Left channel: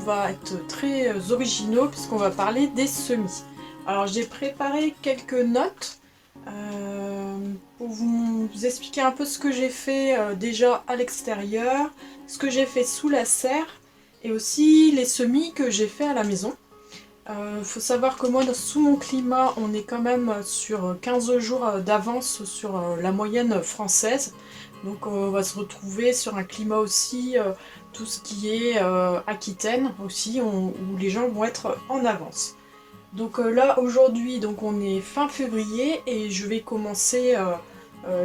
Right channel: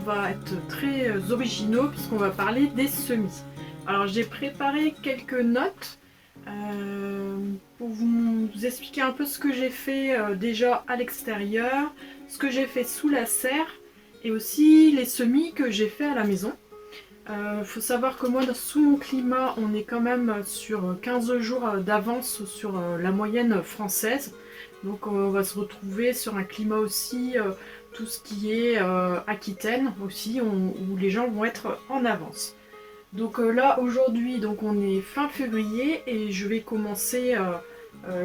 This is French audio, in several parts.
va être très originaux puisqu'on va parler des semis. Alors j'ai préparé quelques notes pour vous expliquer un peu ce que j'ai fait déjà à l'extérieur, ce que j'ai fait sous la serre et aussi les semis que j'ai fait à la maison. Faut savoir que moi, sous mon climat, on est quand même sur 15 jours d'avance sur la moyenne française. Donc on va se retrouver sur un climat aussi, tout ce qui est Aquitaine aussi, où les gens vont être en avance. Donc là, aujourd'hui, donc on est fin février et je vais commencer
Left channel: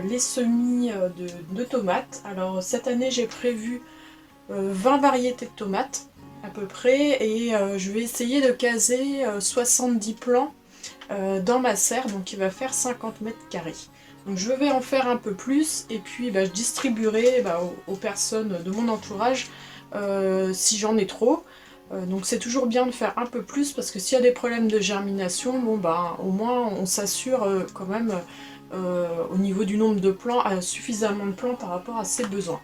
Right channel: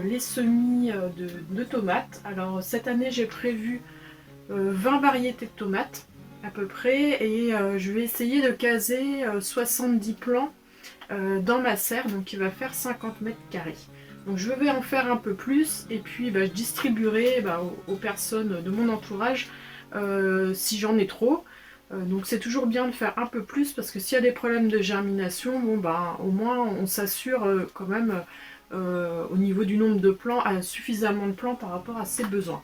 les semis de tomates. Alors cette année, j'ai prévu 20 variétés de tomates à peu près et je vais essayer de caser 70 plants dans ma serre, donc il va faire 50 mètres carrés. Donc je vais en faire un peu plus et puis je distribuerai aux personnes de mon entourage si j'en ai trop. Donc c'est toujours bien de faire un peu plus parce que s'il y a des problèmes de germination, bon au moins on s'assure quand même au niveau du nombre de plants, suffisamment de plants par rapport à ses besoins.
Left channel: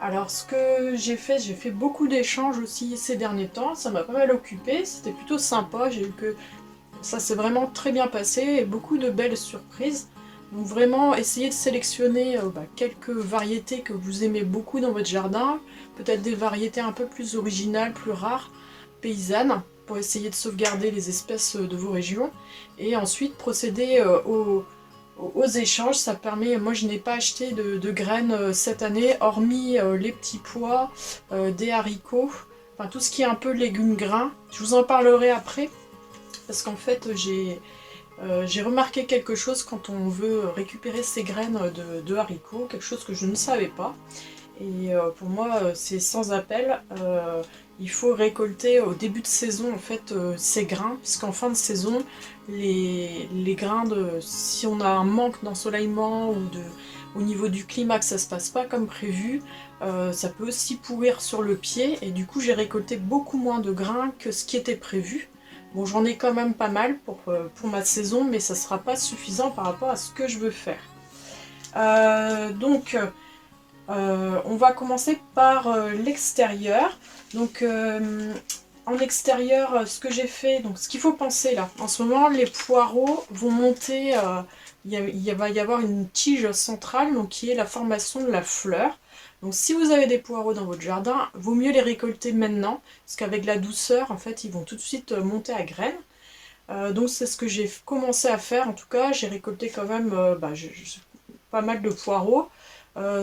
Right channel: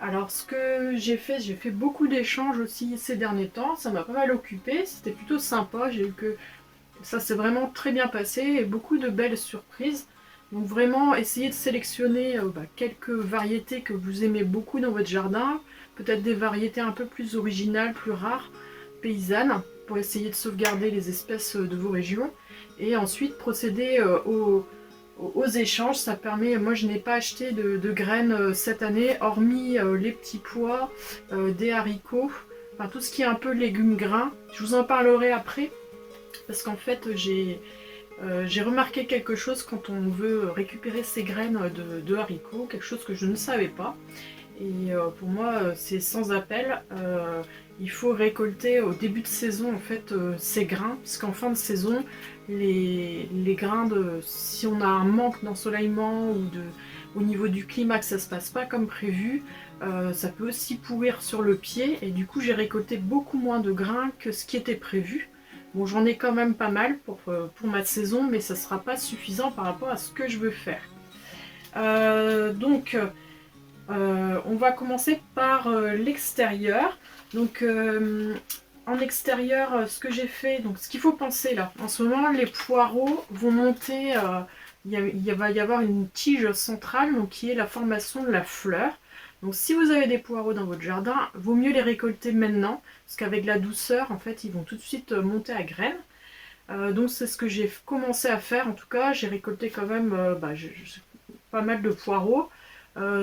Alors ce que j'ai fait beaucoup d'échanges aussi ces derniers temps, ça m'a pas mal occupé, c'était plutôt sympa, j'ai eu que ça s'est vraiment très bien passé et beaucoup de belles surprises. Donc vraiment essayez de sélectionner quelques variétés que vous aimez beaucoup dans votre jardin, peut-être des variétés un peu plus originales, plus rares, paysannes, pour essayer de sauvegarder les espèces de vos régions. Et ensuite procéder aux échanges, ça permet, moi je n'ai pas acheté de graines cette année, hormis les petits pois, des haricots, enfin tout ce qui est un peu légumes grains. Je vous en parlerai après, parce qu'en fait j'ai remarqué quelque chose quand on veut récupérer ces graines de haricots, quelque chose que je ne savais pas. Et pour moi, c'est sans appel. Il faut récolter au début de saison en fait ces grains, puisqu'en fin de saison, les grains si on a un manque d'ensoleillement ou au niveau du climat que ça se passe pas comme prévu, ça peut aussi pourrir sur le pied. Et du coup, j'ai récolté beaucoup moins de grains que ce qui était prévu. Bon, j'en ai quand même pas mal pour ma saison, mais ça sera pas suffisant par rapport à ce que je veux faire. On va commencer par l'extérieur. Donc en extérieur, ce que j'ai fait, donc ce qu'il faut penser là, en ce moment les poireaux vont monter, va y avoir une tige centrale donc, qui est la formation de la fleur. Donc si vous avez des poireaux dans votre jardin, vaut mieux les récolter maintenant, parce qu'avec la douceur, en fait, ils vont tout de suite monter à graines. Donc c'est ce que j'ai commencé à faire, en tout cas, j'ai récolté quand même pas mal de poireaux.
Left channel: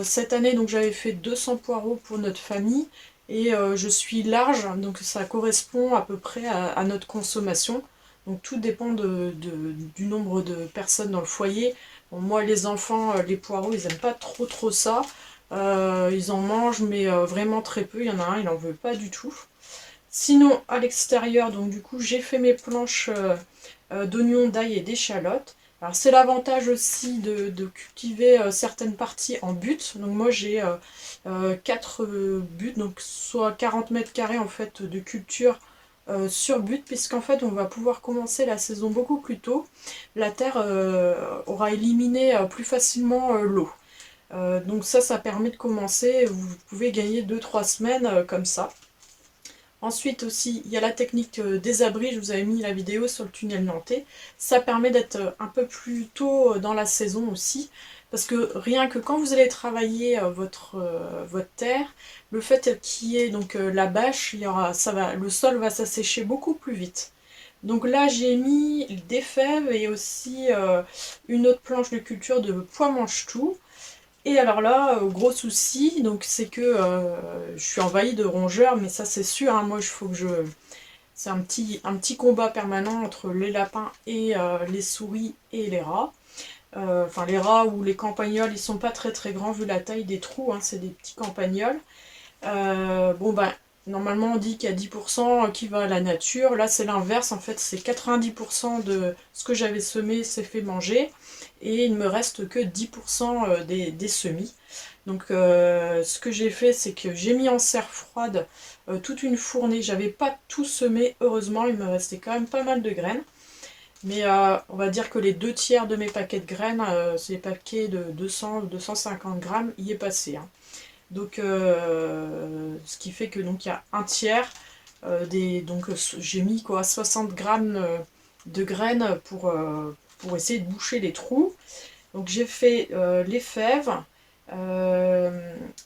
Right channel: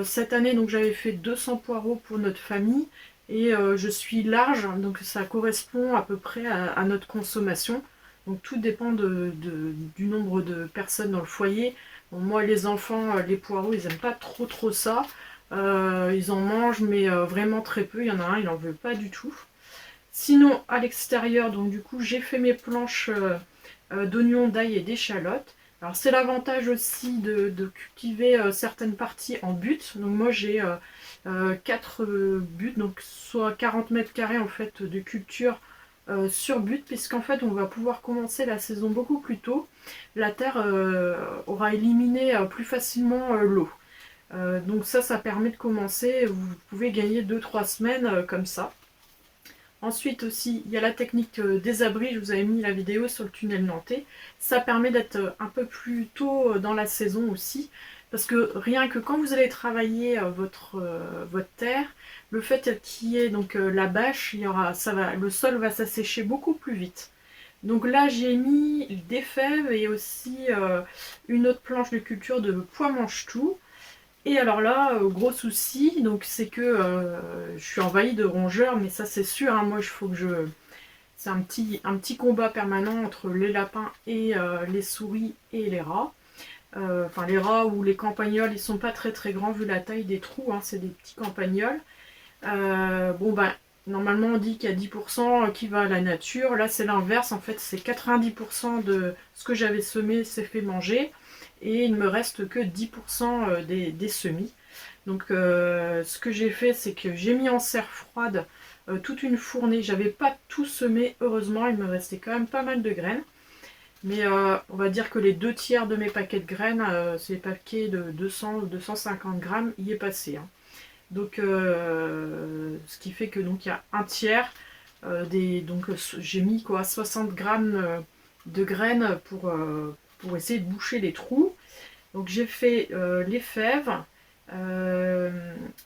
Cette année, donc j'avais fait 200 poireaux pour notre famille et je suis large, donc ça correspond à peu près à notre consommation. Donc tout dépend du nombre de personnes dans le foyer. Bon, moi, les enfants, les poireaux, ils n'aiment pas trop ça. Ils en mangent, mais vraiment très peu. Il y en a un, il n'en veut pas du tout. Sinon, à l'extérieur, donc du coup, j'ai fait mes planches d'oignons, d'ail et d'échalotes. Alors c'est l'avantage aussi de cultiver certaines parties en butte. Donc moi j'ai 4 buttes, donc soit 40 mètres carrés en fait de culture sur butte, puisqu'en fait on va pouvoir commencer la saison beaucoup plus tôt. La terre aura éliminé plus facilement l'eau. Donc ça permet de commencer, vous pouvez gagner 2-3 semaines comme ça. Ensuite aussi, il y a la technique des abris, je vous avais mis la vidéo sur le tunnel nantais. Ça permet d'être un peu plus tôt dans la saison aussi, parce que rien que quand vous allez travailler votre terre, le fait qu'il y ait donc la bâche, le sol va s'assécher beaucoup plus vite. Donc là j'ai mis des fèves et aussi une autre planche de culture de pois mange-tout. Et alors là, gros souci, donc c'est que je suis envahie de rongeurs, mais ça c'est sûr, hein, moi il faut que je... C'est un petit combat permanent entre les lapins et les souris et les rats. Enfin les rats ou les campagnols, ils sont pas très grands vu la taille des trous, hein, c'est des petits campagnols. Normalement on dit qu'il y a 10% qui va à la nature, là c'est l'inverse, en fait c'est 90% de ce que j'avais semé s'est fait manger. Et il ne me reste que 10% des semis. Donc ce que j'ai fait, c'est que j'ai mis en serre froide toute une fournée. J'avais pas tout semé, heureusement, il me restait quand même pas mal de graines. Mais on va dire que les 2 tiers de mes paquets de graines, c'est des paquets de 200-250 grammes, y est passé. Hein. Donc ce qui fait que donc il y a 1 tiers Donc j'ai mis quoi, 60 grammes de graines pour essayer de boucher les trous. Donc j'ai fait les fèves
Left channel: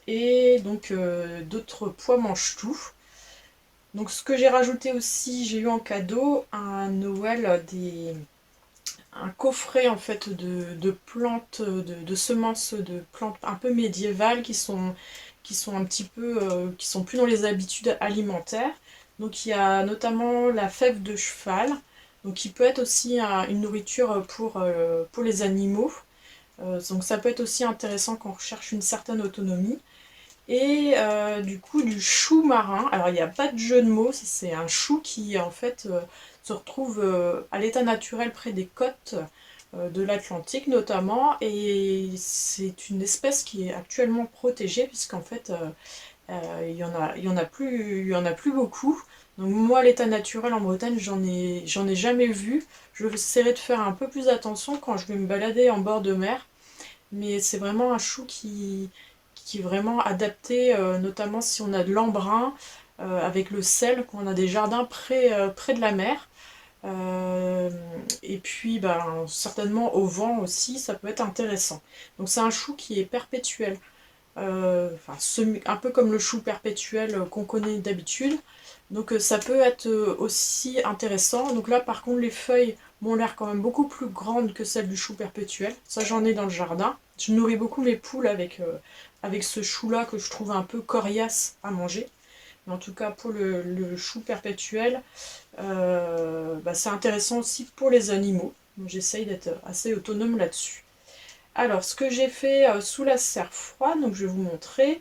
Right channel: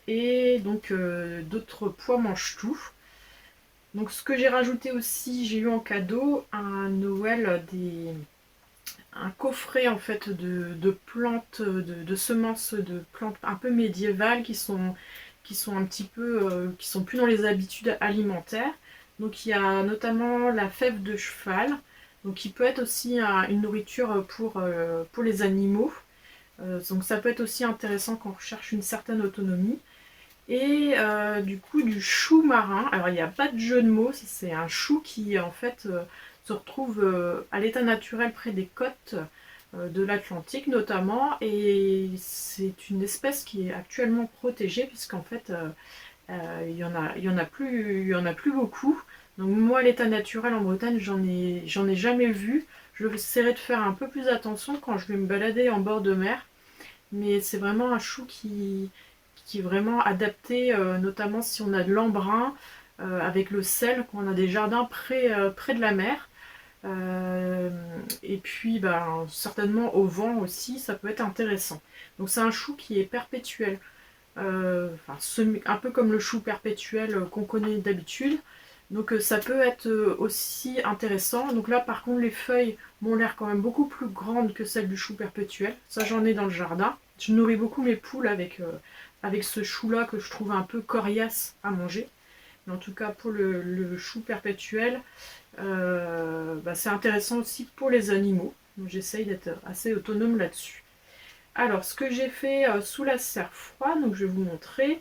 et donc d'autres pois mange-tout. Donc ce que j'ai rajouté aussi, j'ai eu en cadeau à Noël un coffret en fait de plantes, de semences de plantes un peu médiévales qui sont un petit peu, qui sont plus dans les habitudes alimentaires. Donc il y a notamment la fève de cheval, donc qui peut être aussi une nourriture pour les animaux. Donc ça peut être aussi intéressant quand on recherche une certaine autonomie. Et du coup du chou marin. Alors il n'y a pas de jeu de mots, c'est un chou qui en fait se retrouve à l'état naturel près des côtes de l'Atlantique notamment. Et c'est une espèce qui est actuellement protégée puisqu'en fait il y en a plus beaucoup. Donc moi à l'état naturel en Bretagne j'en ai jamais vu. Je essaierai de faire un peu plus attention quand je vais me balader en bord de mer. Mais c'est vraiment un chou qui est vraiment adapté, notamment si on a de l'embrun avec le sel, qu'on a des jardins près de la mer. Et puis certainement au vent aussi, ça peut être intéressant. Donc c'est un chou qui est perpétuel. Un peu comme le chou perpétuel qu'on connaît d'habitude. Donc ça peut être aussi intéressant. Donc là par contre les feuilles m'ont l'air quand même beaucoup plus grandes que celles du chou perpétuel. Ça j'en ai dans le jardin. Je nourris beaucoup mes poules avec ce chou là que je trouve un peu coriace à manger. Mais en tout cas pour le chou perpétuel, c'est intéressant aussi pour les animaux. Donc j'essaye d'être assez autonome là-dessus. Alors, ce que j'ai fait sous la serre froide, donc je vais vous montrer.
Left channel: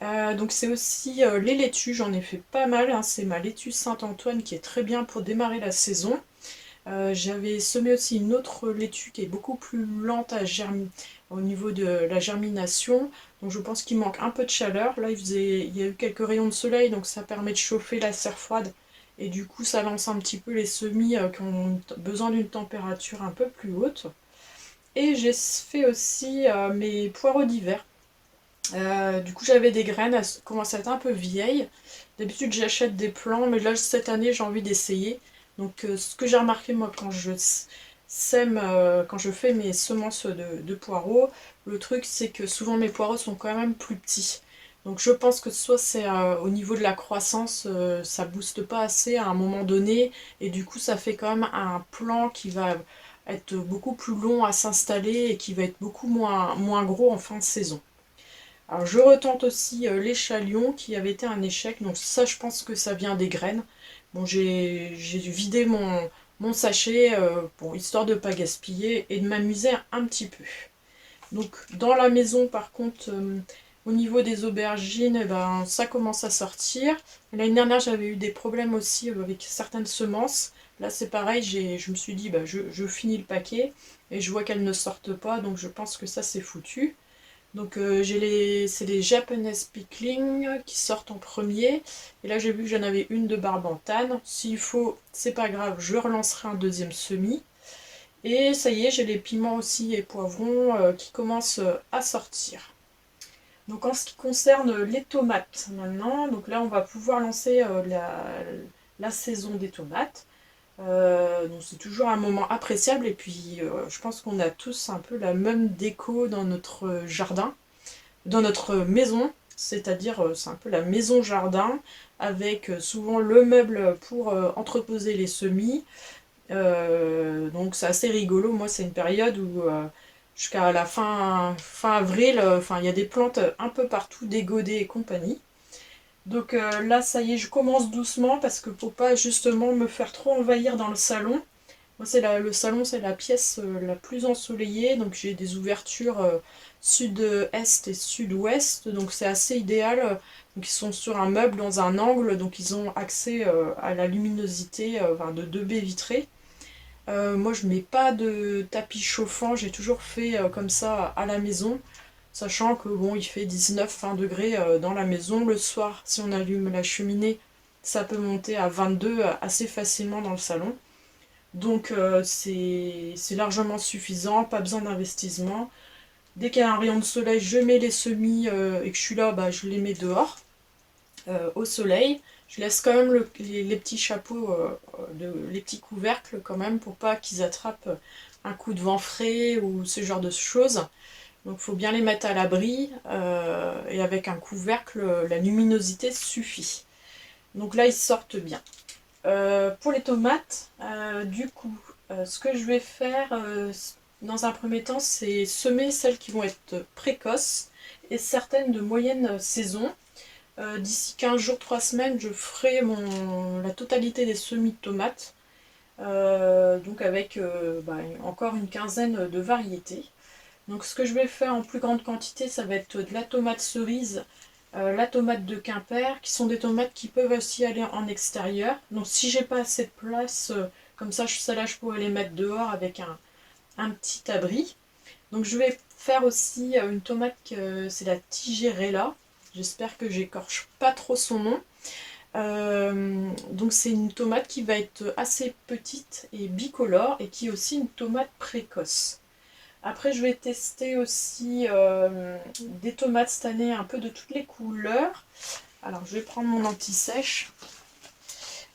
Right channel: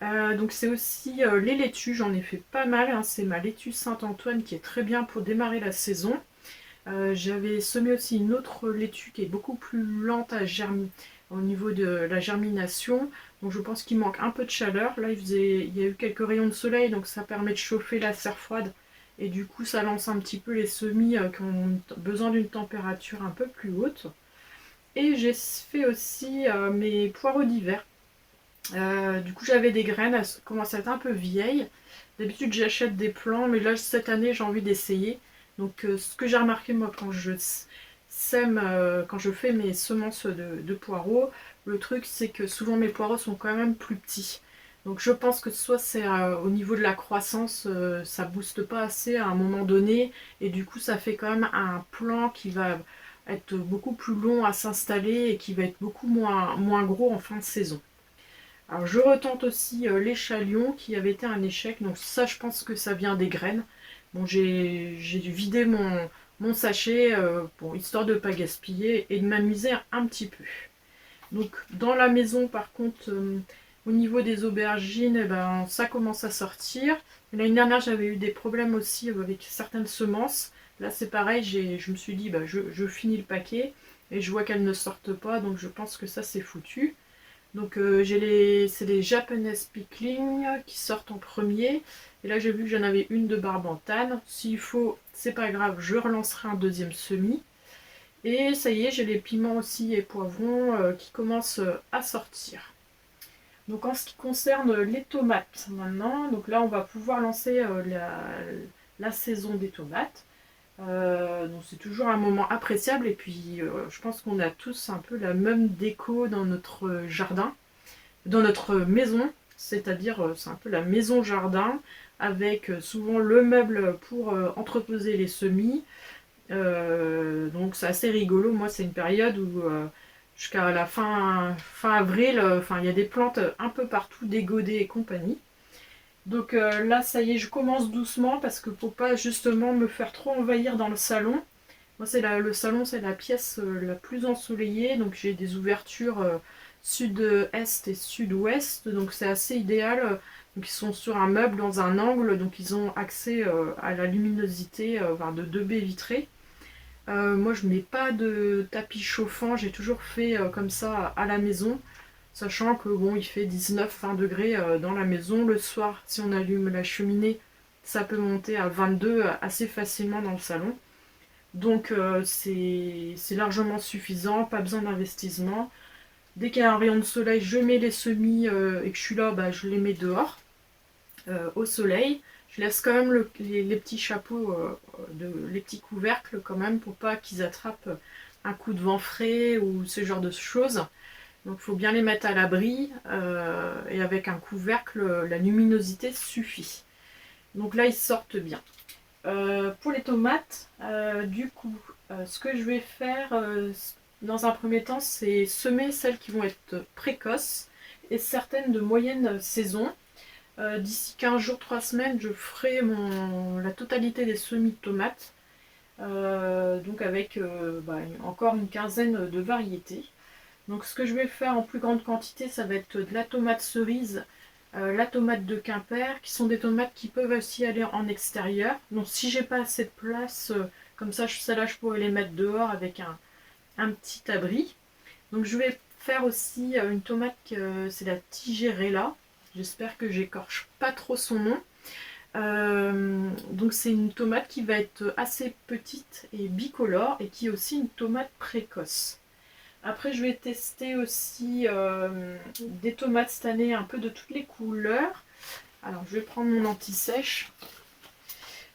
Donc c'est aussi les laitues, j'en ai fait pas mal. Hein. C'est ma laitue Saint-Antoine qui est très bien pour démarrer la saison. J'avais semé aussi une autre laitue qui est beaucoup plus lente à germer au niveau de la germination. Donc je pense qu'il manque un peu de chaleur. Là il y a eu quelques rayons de soleil, donc ça permet de chauffer la serre froide. Et du coup ça lance un petit peu les semis qui ont besoin d'une température un peu plus haute. Et j'ai fait aussi mes poireaux d'hiver. Du coup j'avais des graines, elles commencent à être un peu vieilles. D'habitude j'achète des plants, mais là cette année j'ai envie d'essayer. Donc ce que j'ai remarqué moi quand je sème, quand je fais mes semences de poireaux, le truc c'est que souvent mes poireaux sont quand même plus petits. Donc je pense que soit c'est au niveau de la croissance, ça booste pas assez à un moment donné, et du coup ça fait quand même un plant qui va être beaucoup plus long à s'installer et qui va être beaucoup moins gros en fin de saison. Alors je retente aussi l'échalion qui avait été un échec, donc ça je pense que ça vient des graines. Bon j'ai vidé mon sachet, histoire de ne pas gaspiller et de m'amuser un petit peu. Donc dans la maison par contre, au niveau des aubergines, ça commence à sortir. L'année dernière j'avais eu des problèmes aussi avec certaines semences. Là c'est pareil, je me suis dit je finis le paquet et je vois qu'elles ne sortent pas, donc je pense que ça c'est foutu. Donc c'est les Japanese Pickling qui sortent en premier. Et là j'ai vu que j'en avais une de barbantane. S'il faut, c'est pas grave, je relancerai un deuxième semis. Et ça y est, j'ai les piments aussi et poivrons qui commencent à sortir. Donc en ce qui concerne les tomates maintenant, donc là on va pouvoir lancer la saison des tomates. Donc c'est toujours un moment appréciable et puis je pense qu'on a tous un peu la même déco dans notre jardin, dans notre maison, c'est-à-dire c'est un peu la maison jardin avec souvent le meuble pour entreposer les semis. Donc c'est assez rigolo. Moi c'est une période où jusqu'à la fin avril, il y a des plantes un peu partout, des godets et compagnie. Donc là ça y est, je commence doucement parce que pour pas justement me faire trop envahir dans le salon. Moi le salon c'est la pièce la plus ensoleillée, donc j'ai des ouvertures sud-est et sud-ouest, donc c'est assez idéal. Donc ils sont sur un meuble dans un angle, donc ils ont accès à la luminosité de deux baies vitrées. Moi je mets pas de tapis chauffant, j'ai toujours fait comme ça à la maison, sachant que bon il fait 19-20 degrés dans la maison. Le soir si on allume la cheminée ça peut monter à 22 assez facilement dans le salon. Donc c'est largement suffisant, pas besoin d'investissement. Dès qu'il y a un rayon de soleil je mets les semis et que je suis là je les mets dehors au soleil. Je laisse quand même les petits chapeaux, les petits couvercles quand même pour pas qu'ils attrapent un coup de vent frais ou ce genre de choses. Donc il faut bien les mettre à l'abri et avec un couvercle, la luminosité suffit. Donc là ils sortent bien. Pour les tomates, du coup, ce que je vais faire dans un premier temps, c'est semer celles qui vont être précoces et certaines de moyenne saison. D'ici 15 jours, 3 semaines, je ferai la totalité des semis de tomates. Donc avec encore une quinzaine de variétés. Donc ce que je vais faire en plus grande quantité, ça va être de la tomate cerise, la tomate de Quimper, qui sont des tomates qui peuvent aussi aller en extérieur. Donc si j'ai pas assez de place, comme ça, celles-là, je pourrais les mettre dehors avec un petit abri. Donc je vais faire aussi une tomate, c'est la Tigerella. J'espère que j'écorche pas trop son nom. Donc c'est une tomate qui va être assez petite et bicolore et qui est aussi une tomate précoce. Après je vais tester aussi des tomates cette année un peu de toutes les couleurs. Alors je vais prendre mon anti-sèche.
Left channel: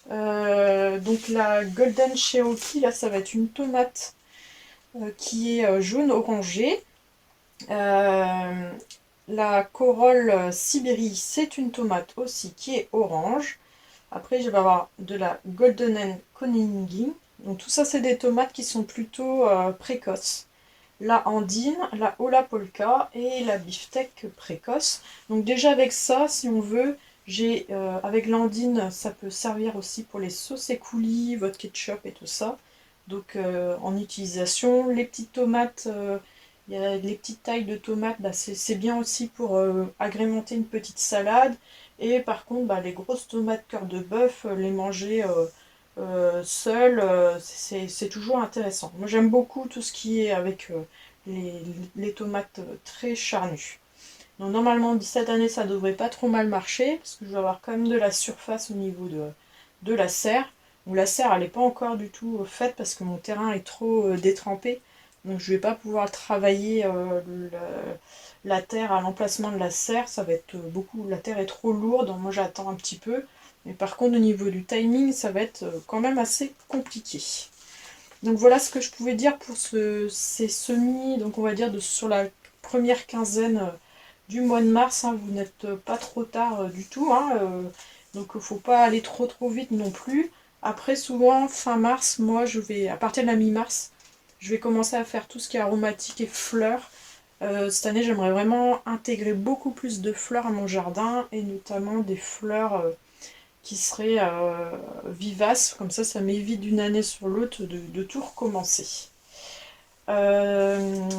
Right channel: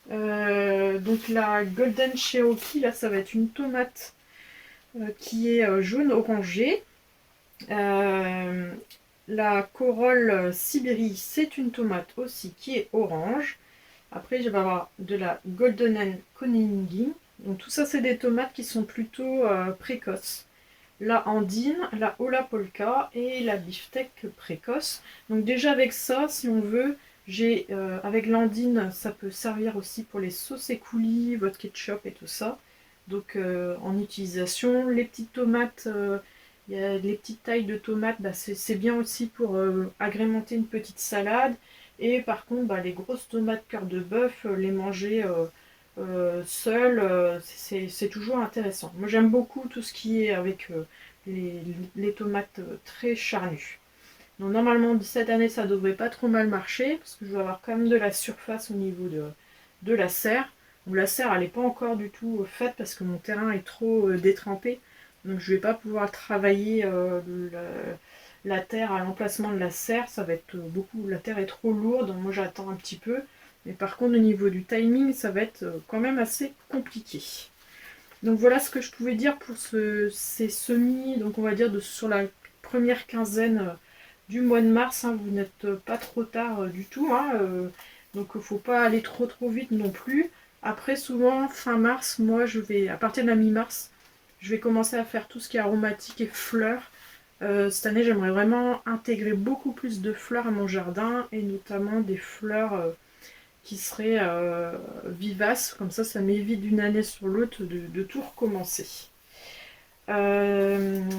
Donc la Golden Cherokee, là ça va être une tomate qui est jaune orangé. La Corolle Sibérie, c'est une tomate aussi qui est orange. Après, je vais avoir de la Golden Koningin. Donc tout ça, c'est des tomates qui sont plutôt précoces. La Andine, la Ola Polka et la Beefsteak précoce. Donc déjà avec ça, si on veut, j'ai avec l'Andine, ça peut servir aussi pour les sauces et coulis, votre ketchup et tout ça. Donc en utilisation, les petites tomates, il y a les petites tailles de tomates, bah, c'est bien aussi pour agrémenter une petite salade. Et par contre, bah, les grosses tomates cœur de bœuf, les manger seules, c'est toujours intéressant. Moi j'aime beaucoup tout ce qui est avec les tomates très charnues. Donc normalement cette année ça devrait pas trop mal marcher, parce que je vais avoir quand même de la surface au niveau de la serre. Donc la serre elle n'est pas encore du tout faite parce que mon terrain est trop détrempé. Donc je vais pas pouvoir travailler la terre à l'emplacement de la serre, ça va être beaucoup, la terre est trop lourde, donc moi j'attends un petit peu. Mais par contre au niveau du timing, ça va être quand même assez compliqué. Donc voilà ce que je pouvais dire pour ces semis, donc on va dire sur la première quinzaine du mois de mars, hein, vous n'êtes pas trop tard du tout, hein, donc il ne faut pas aller trop vite non plus. Après souvent fin mars, moi je vais, à partir de la mi-mars, je vais commencer à faire tout ce qui est aromatique et fleurs. Cette année, j'aimerais vraiment intégrer beaucoup plus de fleurs à mon jardin et notamment des fleurs qui seraient vivaces. Comme ça m'évite d'une année sur l'autre de tout recommencer.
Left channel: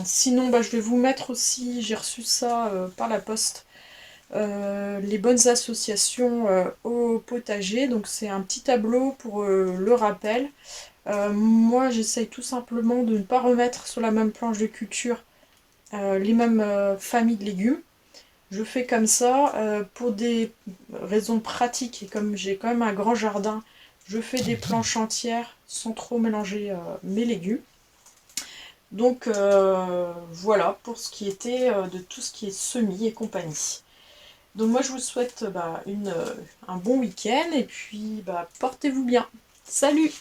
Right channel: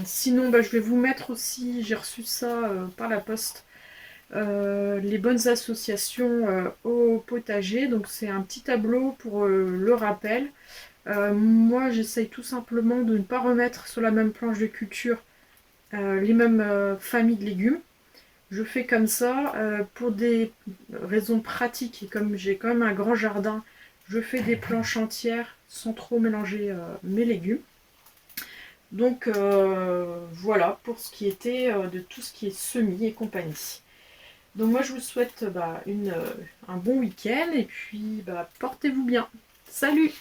Sinon, bah, je vais vous mettre aussi, j'ai reçu ça par la poste, les bonnes associations au potager. Donc c'est un petit tableau pour le rappel. Moi, j'essaye tout simplement de ne pas remettre sur la même planche de culture les mêmes familles de légumes. Je fais comme ça pour des raisons pratiques et comme j'ai quand même un grand jardin, je fais des planches entières sans trop mélanger mes légumes. Donc voilà pour ce qui était de tout ce qui est semis et compagnie. Donc moi je vous souhaite un bon week-end et puis portez-vous bien. Salut!